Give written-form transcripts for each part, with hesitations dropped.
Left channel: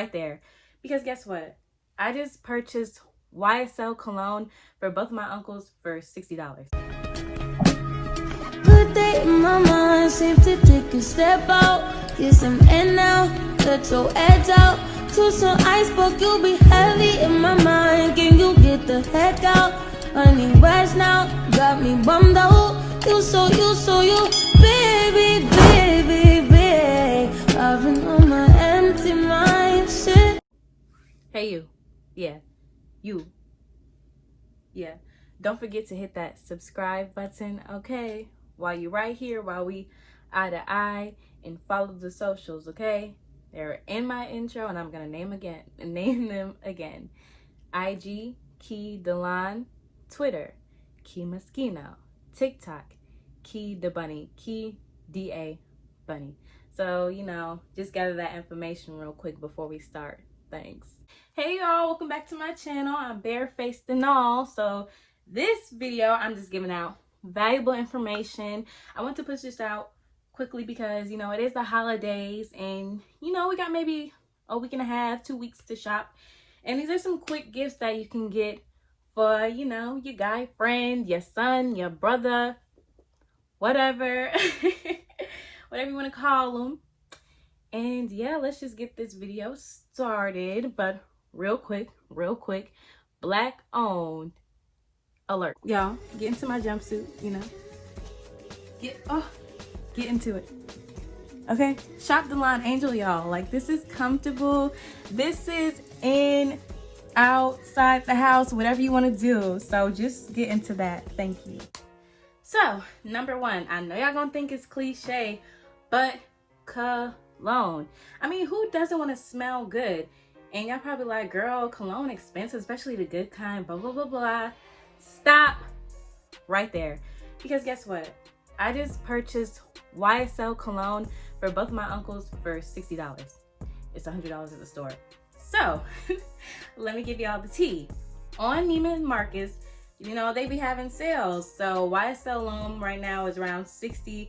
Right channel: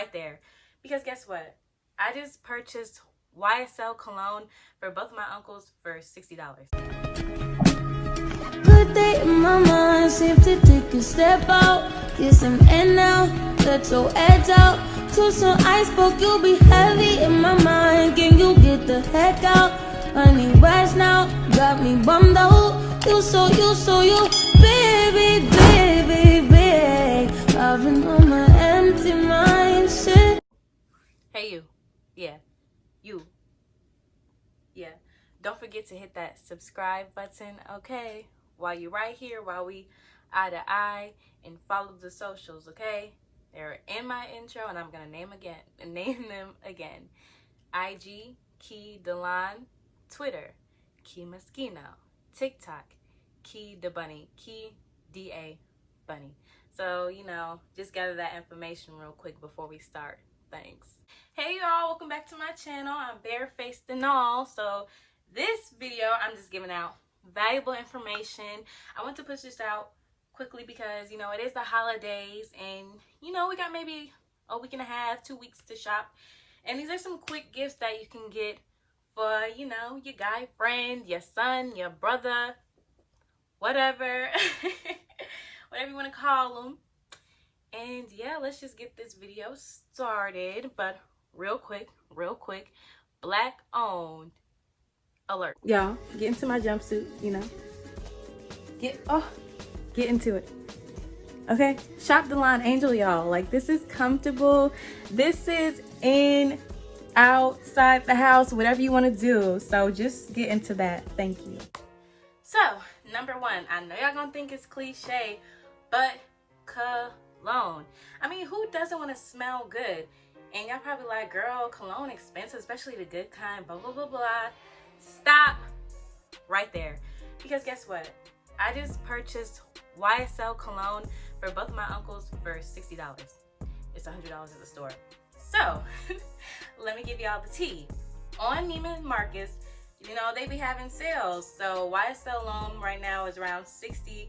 right there. Because guess what? I just purchased YSL cologne for both of my uncles for $60. Good day in my mind, seem to take a step out. Get some air now, let your edge out. To some iceberg, you'll be heavy in my mind. Can you get the heck out? I need rest now, got me bummed out. You, baby, baby, baby. I've been on my empty mind, shit. Hey you. Yeah. You. Yeah. Don't forget to hit that subscribe button, okay? While you're right here, while we eye to eye, and follow the socials, okay? They're in my intro, and I'm gonna name them again. IG, keedelon, Twitter, keemuskino, TikTok, keedabunny, keedabunny. So, you know, just gather that information real quick before we start. Thanks. Hey y'all, welcome back to my channel. I'm barefaced and all. So this video, I'm just giving out valuable information. I want to push this out quickly because, you know, it is the holidays and, you know, we got maybe a week and a half, 2 weeks to shop. And these are some quick gifts that you can get for, you know, your guy friend, your son, your brother, whatever, whatever you want to call them. And yeah, let's just get this video started. But real quick, black owned alert. Y'all, get into my jumpsuit, you know. Get into it. Okay, shop the line Angel, y'all. Like, this is comfortable. This is in, outside the house, whatever you want to do. So just get into that. Thank you. So, number one, I know y'all gonna think it's cliche, but cologne. I mean, who doesn't want to smell good? And y'all probably like, girl, cologne expensive, especially the good kind, blah, blah, blah, blah. Stop right there. Because guess what? I just purchased YSL cologne for both of my uncles for $60. It's $100 at the store. So, let me give y'all the tea. On Neiman Marcus, you know, they be having sales. So, YSL alone right now is around $60,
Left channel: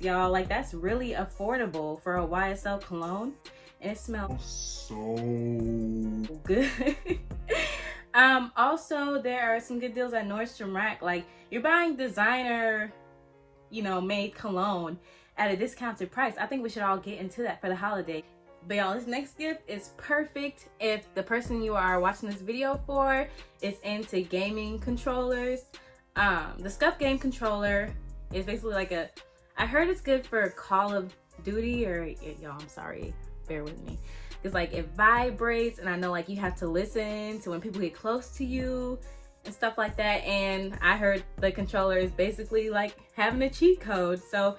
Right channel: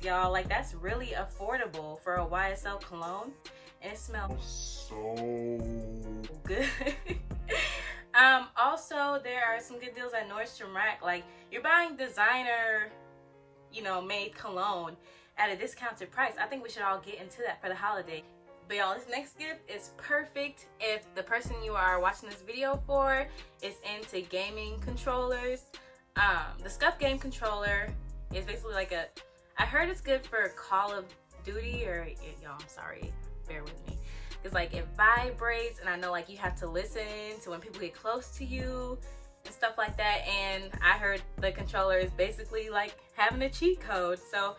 y'all. Like, that's really affordable for a YSL cologne. And it smells so good. Also, there are some good deals at Nordstrom Rack. Like, you're buying designer, you know, made cologne at a discounted price. I think we should all get into that for the holiday. But y'all, this next gift is perfect if the person you are watching this video for is into gaming controllers. The Scuff game controller is basically like I heard it's good for Call of Duty, or y'all, I'm sorry, bear with me. It's like it vibrates, and I know like you have to listen to when people get close to you and stuff like that. And I heard the controller is basically like having a cheat code. So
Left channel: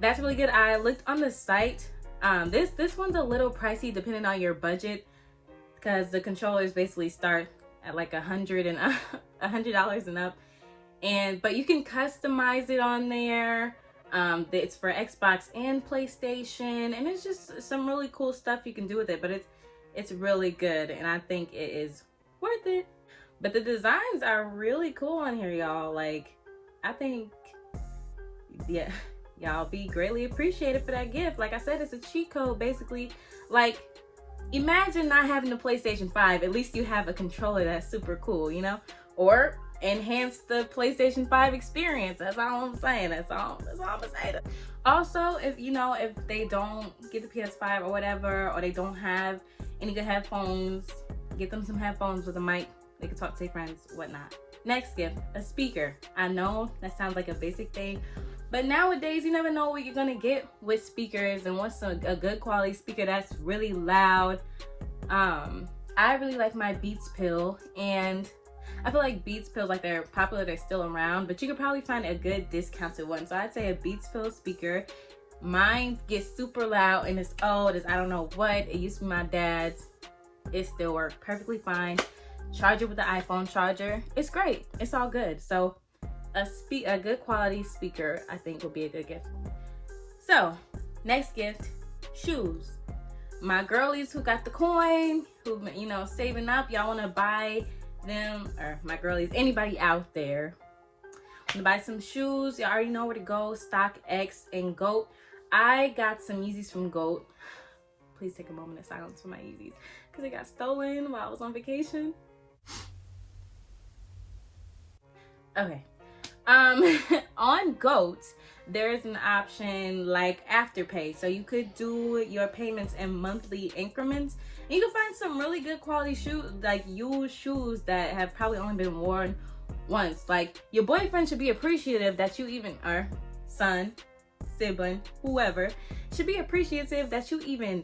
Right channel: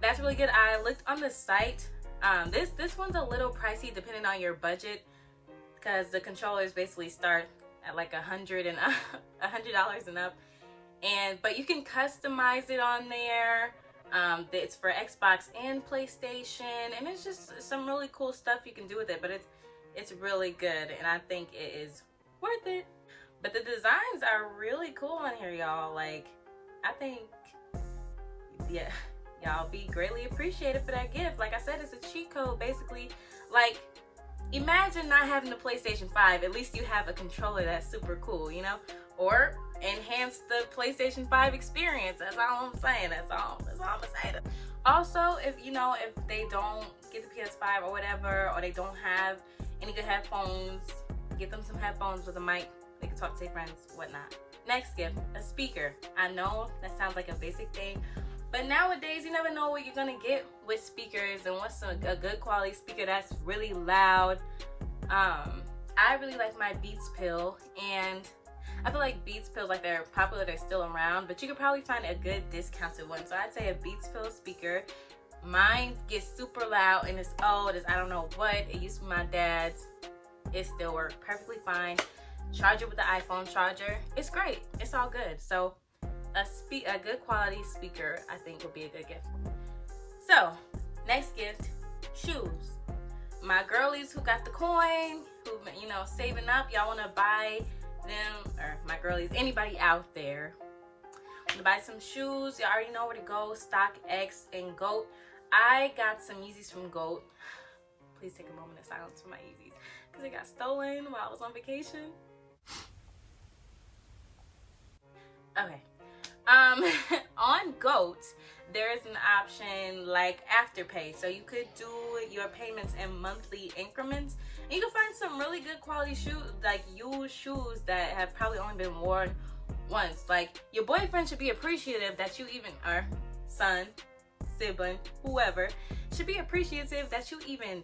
that's really good. I looked on the site. This one's a little pricey depending on your budget, because the controllers basically start at like $100 and up. But you can customize it on there. It's for Xbox and PlayStation, and it's just some really cool stuff you can do with it. But it's really good, and I think it is worth it. But the designs are really cool on here, y'all. Like, I think, yeah, y'all be greatly appreciated for that gift. Like I said, it's a cheat code, basically. Like, imagine not having the PlayStation 5. At least you have a controller that's super cool, you know? Or enhance the PlayStation 5 experience. That's all I'm saying. That's all I'm gonna say. Also, if they don't get the PS5 or whatever, or they don't have any good headphones, get them some headphones with a mic. They can talk to their friends, whatnot. Next gift, a speaker. I know that sounds like a basic thing, but nowadays you never know what you're gonna get with speakers and what's a good quality speaker that's really loud. I really like my Beats pill, and I feel like Beats pills, like, they're popular, they're still around, but you could probably find a good discounted one. So I'd say a Beats pill speaker. Mine gets super loud and it's old, it's I don't know what. It used to be my dad's. It still works perfectly fine. Charge it with the iPhone charger. It's great. It's all good. So a good quality speaker, I think, would be a good gift. So next gift, shoes. My girlies who got the coin, who, you know, saving up, y'all want to buy them, or my girlies, anybody out there want to buy some shoes, you already know where to go. StockX and GOAT. I got some Yeezys from GOAT. please take a moment of silence for my Yeezys because they got stolen while I was on vacation. Okay. On GOAT, there is an option like Afterpay, so you could do your payments in monthly increments. And you can find some really good quality shoes, like used shoes that have probably only been worn once. Like, your boyfriend should be appreciative that you even, or son, sibling, whoever, should be appreciative that you even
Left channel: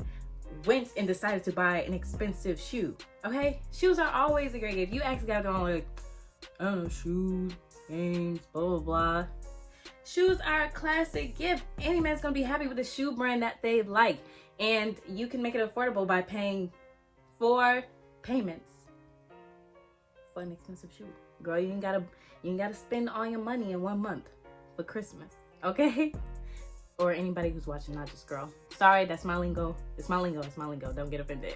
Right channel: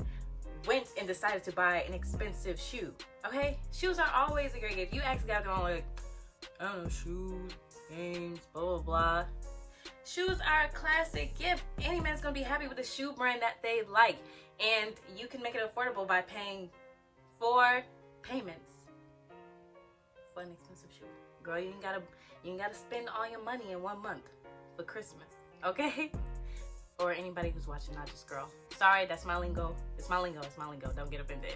went and decided to buy an expensive shoe. Okay, shoes are always a great gift. You actually got to go like, I don't know, shoes, games, blah blah blah. Shoes are a classic gift. Any man's gonna be happy with a shoe brand that they like, and you can make it affordable by paying 4 payments for an expensive shoe. Girl, you ain't gotta spend all your money in 1 month for Christmas, okay? Or anybody who's watching, not just girl. Sorry, that's my lingo. It's my lingo. It's my lingo. Don't get offended.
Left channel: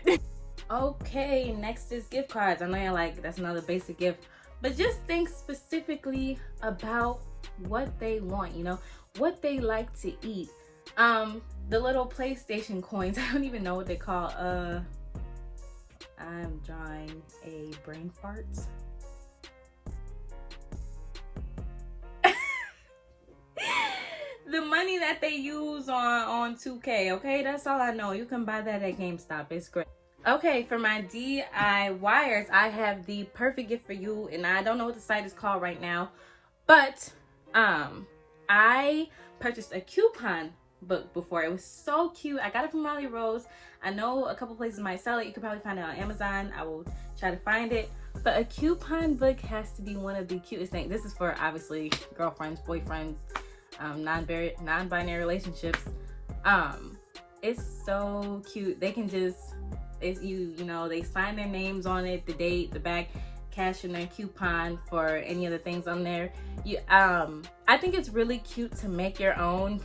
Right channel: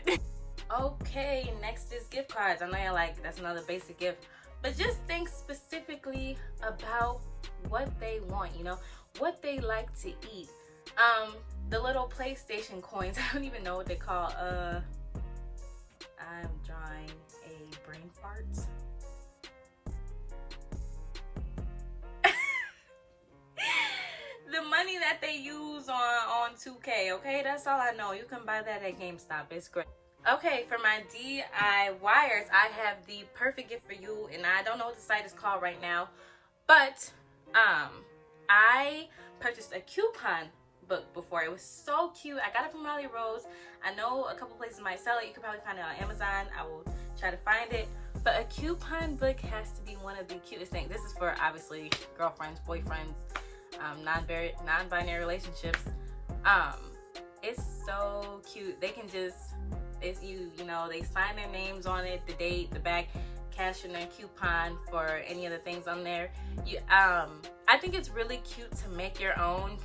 Okay, next is gift cards. I know you're like, that's another basic gift. But just think specifically about what they want, you know, what they like to eat. The little PlayStation coins, I don't even know what they call. I'm drawing a brain fart. The money that they use on 2K, okay? That's all I know. You can buy that at GameStop. It's great. Okay, for my DIYers, I have the perfect gift for you, and I don't know what the site is called right now, but I purchased a coupon book before. It was so cute. I got it from Molly Rose. I know a couple places might sell it. You could probably find it on Amazon. I will try to find it. But a coupon book has to be one of the cutest things. This is for obviously girlfriends, boyfriends, non-binary relationships. It's so cute. They can just, you know, they sign their names on it, the date, the back, cash in their coupon for any of the things on there. I think it's really cute to make your own,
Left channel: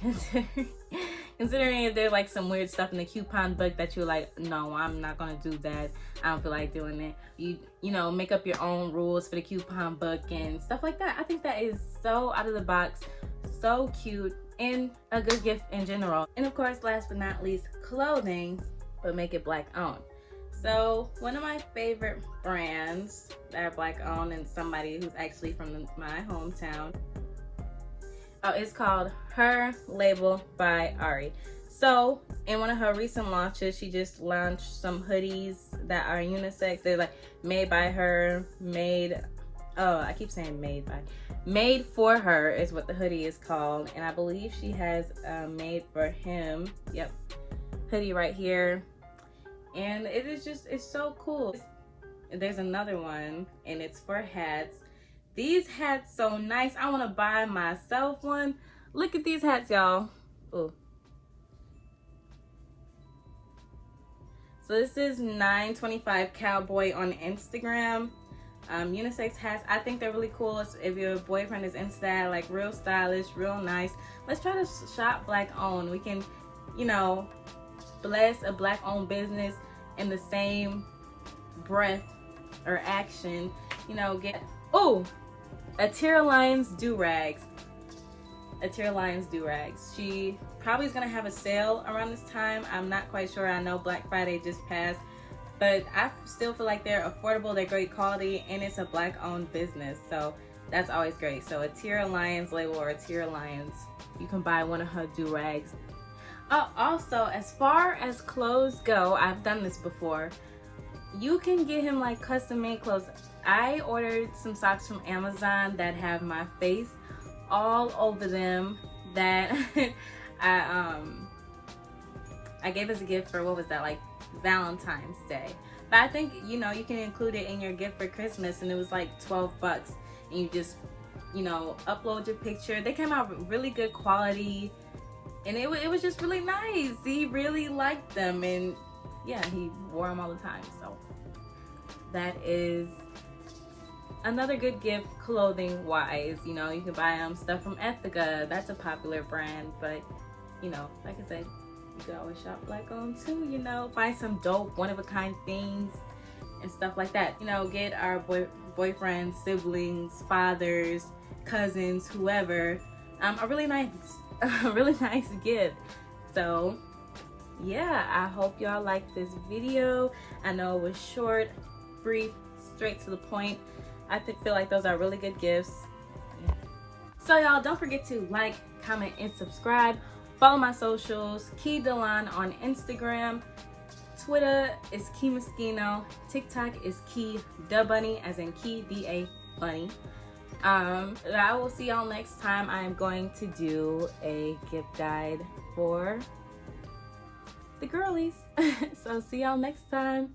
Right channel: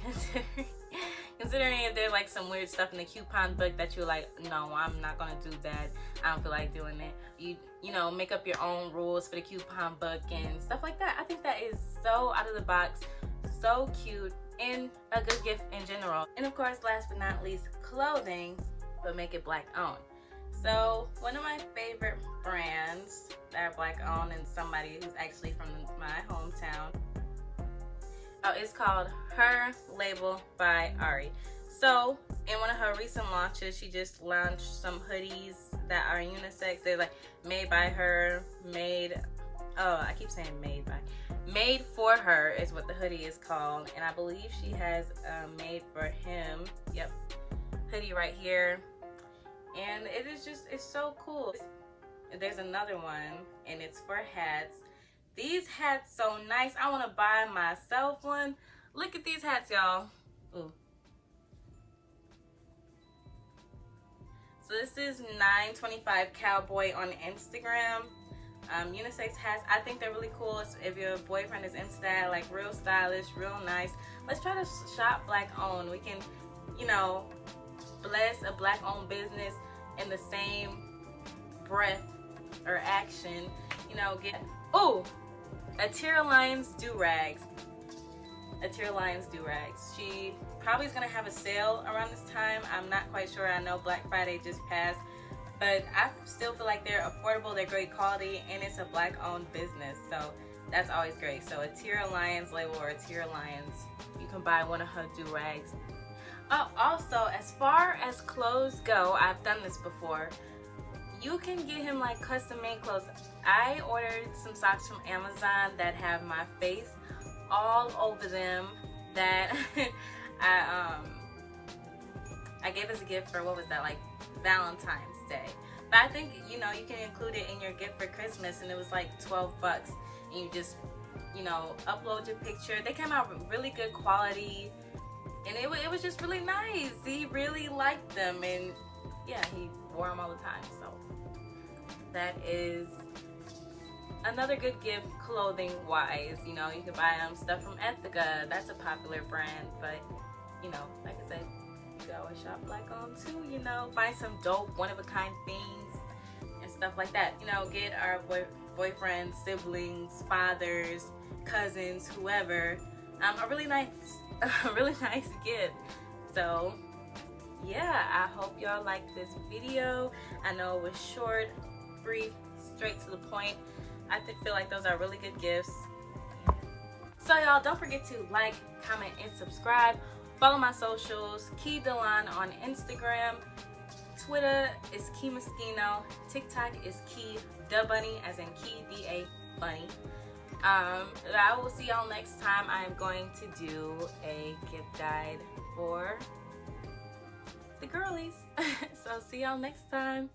considering if there's like some weird stuff in the coupon book that you're like, no, I'm not gonna do that. I don't feel like doing it. You know, make up your own rules for the coupon book and stuff like that. I think that is so out of the box, so cute, and a good gift in general. And of course, last but not least, clothing, but make it Black owned. So one of my favorite brands that are Black owned, and somebody who's actually from my hometown, it's called Her Label by Ari. So in one of her recent launches, she just launched some hoodies that are unisex. They're like made by her, I keep saying made for her is what the hoodie is called. And I believe she has made for him, yep, hoodie right here. And it is just, it's so cool. There's another one, and it's for hats. These hats so nice. I want to buy myself one. Look at these hats, y'all. Ooh. So this is $9.25 Cowboy on Instagram. Unisex hats. I think they're really cool. If your boyfriend is into that, like real stylish, real nice. Let's try to shop Black owned. We can, you know, bless a Black owned business in the same breath or action, you know, get Atira Lyons do-rags. Atira Lyons do-rags. She probably is gonna have a sale around this time. I'm not quite sure. I know Black Friday just passed, but I still feel like they're affordable, they're great quality, and it's a Black owned business, so that's always great. So Atira Lyons label or Atira Lyons, you can buy one of her do-rags. Oh, also, as far as clothes go, I've done this before. You can get him like custom made clothes. I ordered some socks from Amazon that have my face all over them that I gave as a gift for, what was that, like Valentine's Day. But I think, you know, you can include it in your gift for Christmas, and it was like 12 bucks. And you just, you know, upload your picture. They came out with really good quality. And it was just really nice. He really liked them, and yeah, he wore them all the time. So that is another good gift clothing wise. You know, you can buy stuff from Ethica. That's a popular brand, but you know, like I said, you could always shop Black owned too. You know, find some dope one of a kind things and stuff like that. You know, get our boyfriends, siblings, fathers, cousins, whoever, a really nice gift. So, yeah, I hope y'all liked this video. I know it was short, brief, straight to the point. I feel like those are really good gifts. Yeah. So y'all, don't forget to like, comment, and subscribe. Follow my socials, keedelon on Instagram. Twitter is keemuskino. TikTok is keedabunny, as in key, D-A-bunny. I will see y'all next time. I am going to do a gift guide for the girlies. So see y'all next time.